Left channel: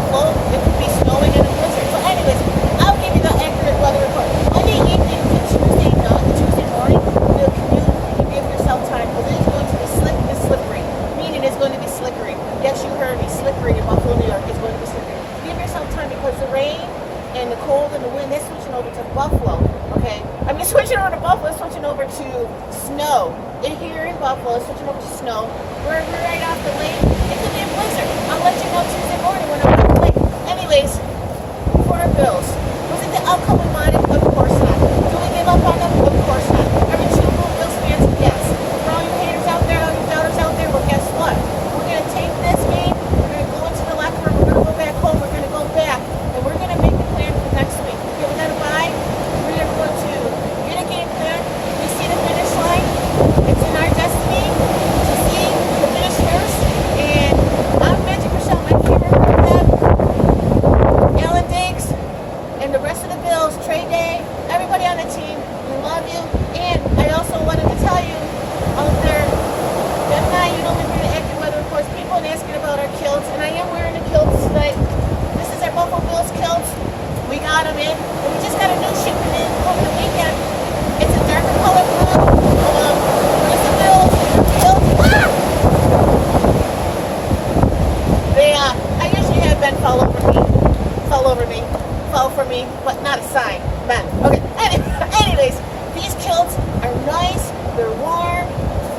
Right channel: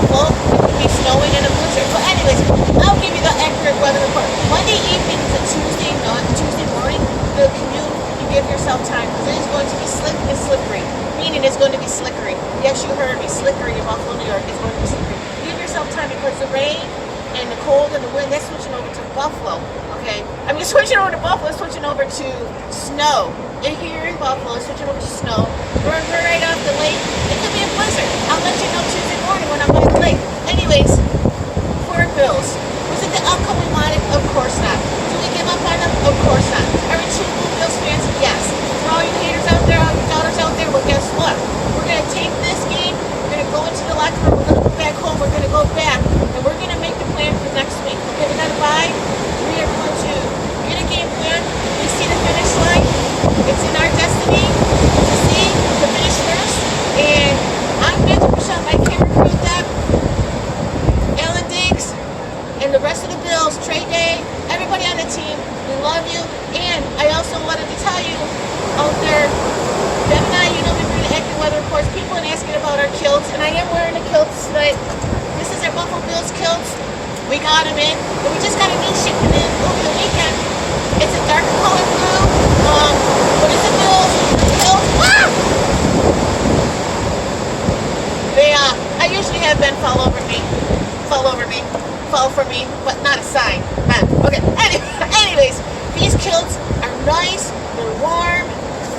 Buffalo, it could be snowing in a blizzard. But anyways, I'll give you the accurate weather report. Monday evening to Tuesday morning, the commute, you give yourself time because it is going to be slick and slippery. Meaning it's going to be slickery. Yes, you heard me, slickery in Buffalo, New York. It's going to be slippery. Give yourself time because the rain and the cold and the wind, that's switching over to Buffalo, okay? I mean, switching over to Buffalo, switching over to snow. Here in Buffalo, switching over to snow. We're right off the lake. It could be a blizzard. I'll let you know Tuesday morning when I'm at the lake. Anyways, for our Bills, was it the outcome we wanted? Of course not. Do we give up on them? Of course not. Are we two Bills fans? Yes. For all you haters out there, all you doubters out there, well, guess what? We're going to take this game, we're going to go into the locker room, we're going to go back home, we're going to go back, and we're going to make the plan for next week. Okay, we're going to buy, we are going to get a game plan. We see the finish line. It's in our destiny to see the finish first. And I'm Magic Michelle, my camera crew, Deb, Alan Diggs, and the rest of the Bills, Trey Day, everybody on the team, we love you. And I also wanted to tell you out there, Deb and I, you know, we've been doing accurate weather reports. People are asking about our kilts, and I am wearing the kilts tonight. This is our Buffalo Bills kilts. We got them in, but we just got a new shipment in over the weekend. It's a darker color blue. What is the Bills? Kilts. Ah! They, I usually have Ben fall for me, but not a sign. Ben. Okay. Anyways, these kilts are nice. They're warm,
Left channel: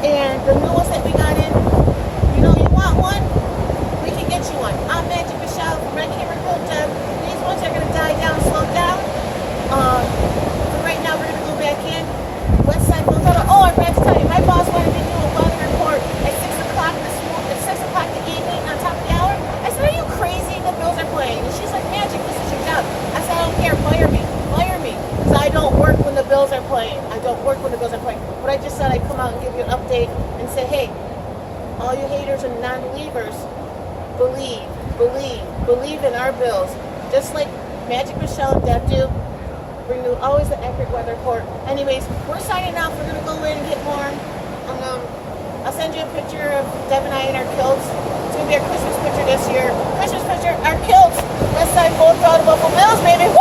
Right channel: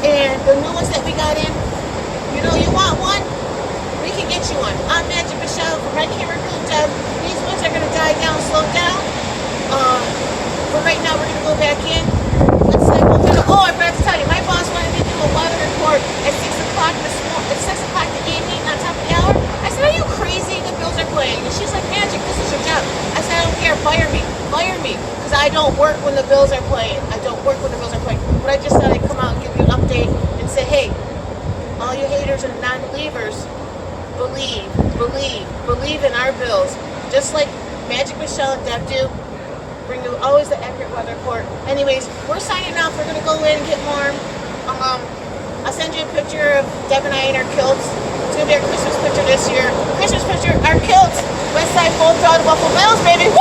and the new ones that we got in. You know, you want one? We can get you one. I'm Magic Michelle from Red Camera Girl Deb. These ones are going to die down, slow down. But right now we're going to go back in. What's that? Oh, I forgot to tell you, my boss wanted to do a weather report at 6 o'clock in the evening on top of the hour. I said, are you crazy? The Bills are playing. And she's like, Magic, this is your job. I said, I don't care. Fire me. Because I don't work when the Bills are playing. But I just thought I'd come out and give you an update and say, hey, all you haters and non-believers, believe in our Bills. Just like Magic Michelle and Deb do. Bring you always the accurate weather report. Anyways, we're signing off. We're going to go in and get warm. I'll send you a picture of Deb and I in our kilts. It's going to be our Christmas picture this year. Our kilts. West Side Full Throttle Buffalo Bills, baby.